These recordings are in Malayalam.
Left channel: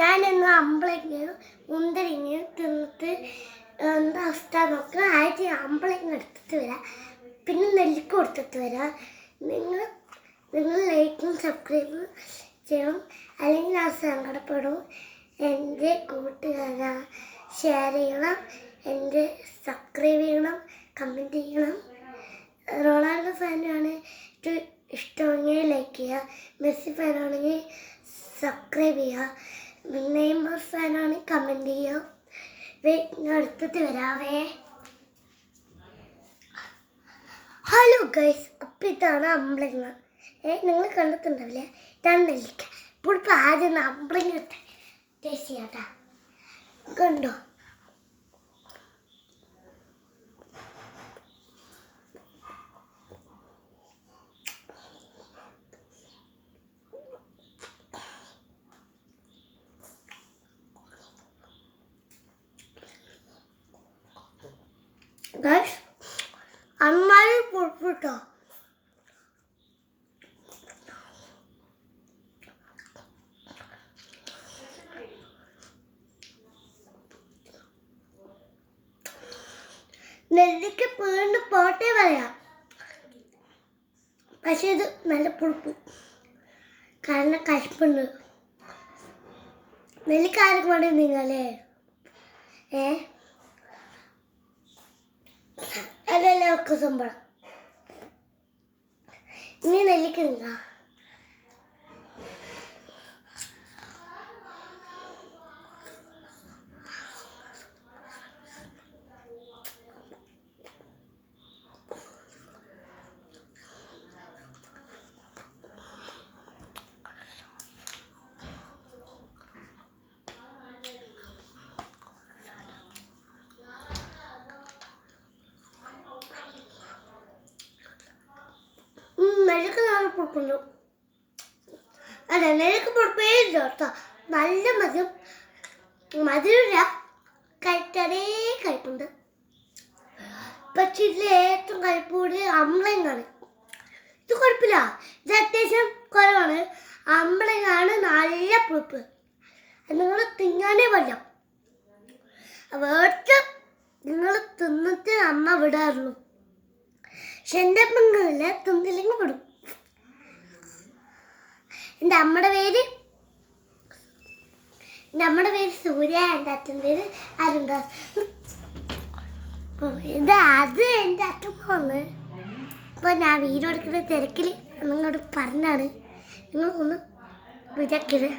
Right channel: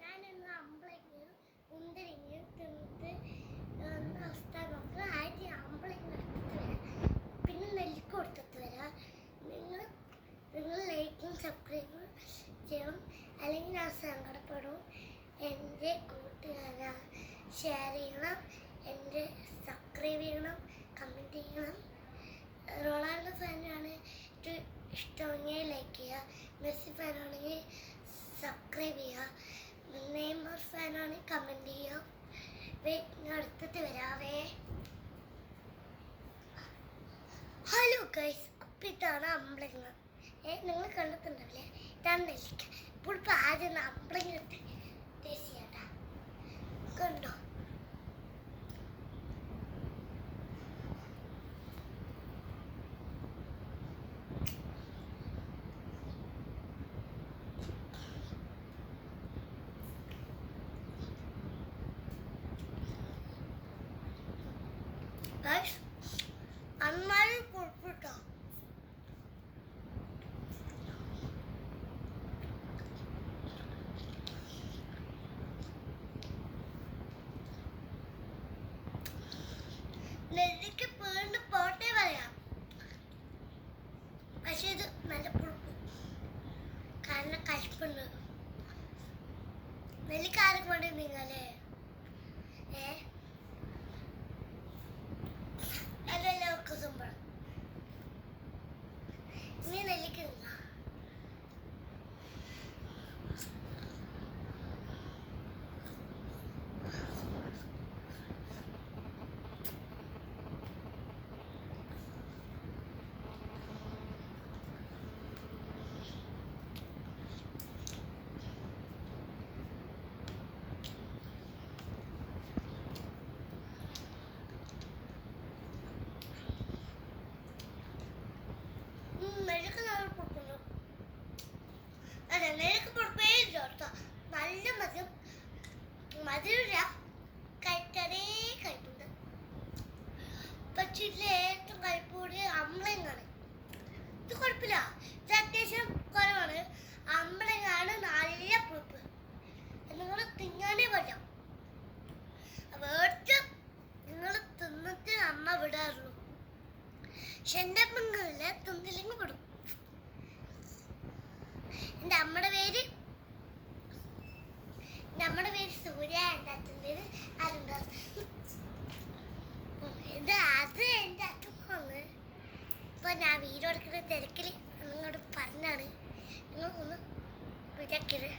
ഞാനിന്ന് അമ്പളങ്ങയും മുന്തിരിങ്ങയും തിന്നിട്ട് എന്താ അവസ്ഥ നോക്കുക ആദ്യം അമ്പളങ്ങ എടുത്തിട്ട് വരാം. പിന്നെ നെല്ലിക്ക കൊടുത്തിട്ട് വരാം. നിങ്ങൾ നിങ്ങൾ ലൈക്കും സബ്സ്ക്രൈബും ചെയ്യണം. അല്ലെങ്കിൽ ഞാൻ സങ്കടപ്പെടും. എന്റെ കൂട്ടുകാരാ ഷെയർ ചെയ്യണം. എന്റെ സബ്സ്ക്രൈബ് ചെയ്യണം. കമന്റ് ചെയ്യണം. റൊണാൾഡോ ഫാനാണ് ഏറ്റവും ഇഷ്ടമെങ്കിൽ ലൈക്ക് ചെയ്യുക. മെസ്സി ഫാനാണെങ്കിൽ സബ്സ്ക്രൈബ് ചെയ്യുക. നെയ്മർ ഫാനാണെങ്കിൽ കമന്റ് ഞാൻ വരാവേ. ഹലോ ഗൈസ് അപ്പം ഇതാണ് അമ്പളങ്ങ ഏ നിങ്ങൾ കണ്ടിട്ടുണ്ടാവില്ലേ? ഇതാണ് നെല്ലിക്ക ഇപ്പോൾ ഇപ്പം ആദ്യം അമ്പളങ്ങ ടേസ്റ്റ് ചെയ്യാട്ടാ കണ്ടോ? ഗൈസ് അമ്മായി പൊട്ടിട്ടോ നെല്ലിക്ക് വീണ്ടും പോട്ടെ പറയാം. പക്ഷെ ഇത് നല്ല പുളിപ്പ്. കാരണം കശപ്പുണ്ട്. നെല്ലിക്ക ആരും കൊണ്ട് നിങ്ങളെ? ഏ? ഒക്കെ സംഭവം ഇനി നെല്ലിക്ക നെല്ലിക്ക നാളെ പുളിപ്പുണ്ട് അല്ല നെല്ലിക്ക പുളിപ്പേ ഇല്ല നല്ല മധുരം. മധുര കഴിച്ചതേ കഴിപ്പുണ്ട് പക്ഷെ ഇതിൽ ഏറ്റവും കഴിപ്പൂടി അമ്പളങ്ങാണ് ഇത് കുഴപ്പമില്ല. ഇത് അത്യാവശ്യം കുറവാണ്. അമ്പളങ്ങാണ് നല്ല പുളിപ്പ്. നിങ്ങൾ തിന്നാനേ പറ്റാം വേർത്ത് നിങ്ങൾ തിന്നിട്ട് അമ്മ വിടാറുള്ളൂ. പക്ഷെ എന്റെ പെങ്ങളിൽ തിന്നില്ലെങ്കിൽ വിടും. എന്റെ അമ്മയുടെ പേര്? എന്റെ അമ്മയുടെ പേര് സൂര്യ എന്റെ അച്ഛൻ പേര് അരുൺദാസ്. ഇത് അത് എന്റെ അച്ഛൻ വന്ന് അപ്പോൾ ഞാൻ വീട് എടുക്കുന്ന തിരക്കിൽ നിങ്ങളോട് പറഞ്ഞാണ്. നിങ്ങൾ ഒന്ന് വിചാരിക്കരുത്.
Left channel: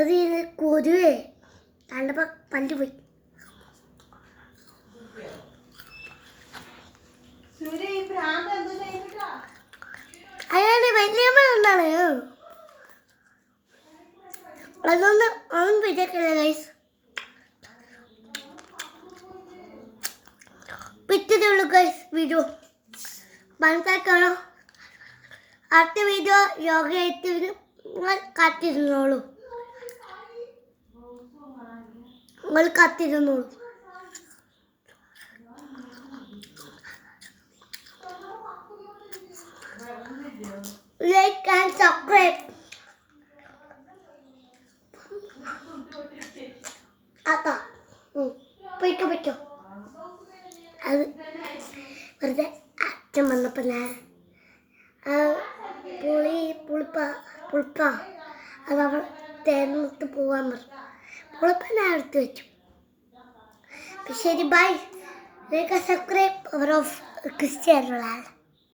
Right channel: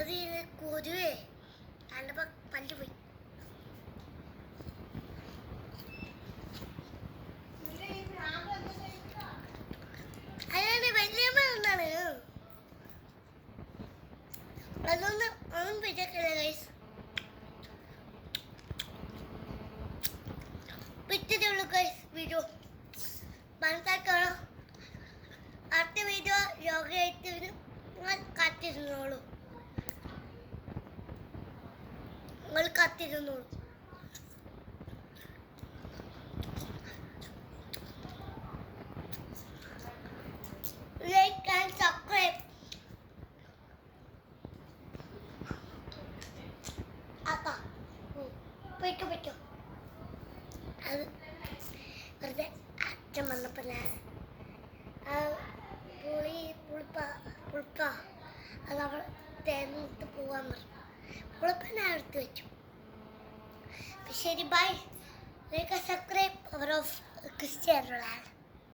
അത് കൊരുവേ. കണ്ടപ്പോൾ പല്ല് പോയി. അതൊന്ന് ഒന്നും വിചാരിക്കില്ല ഗൈസ് പിറ്റേതുള്ളൂ ഗൈസ് വീഡിയോ മനസ്സിലാക്കണോ? അടുത്ത വീഡിയോ യോഗയായിട്ട് നിങ്ങൾ കാത്തിരുന്നോളൂ. നിങ്ങൾ കാത്തിരുന്നോളൂ. ആക്കാ പോയിക്കോ പോയിക്കോ. അത് വെറുതെ അച്ഛൻ വന്നപ്പോൾ ഞാൻ പുളി പുളിപ്പ പുളിപ്പ അത് അവൾ തേർന്നിട്ട് പോകാൻ പറഞ്ഞു. പുളിപ്പ ഞാൻ എടുത്ത് വെച്ചു. ശരി ബൈ സബ്സ്ക്രൈബ് അവർ ഓഫ് ക്രിസ്ത്യാനുള്ള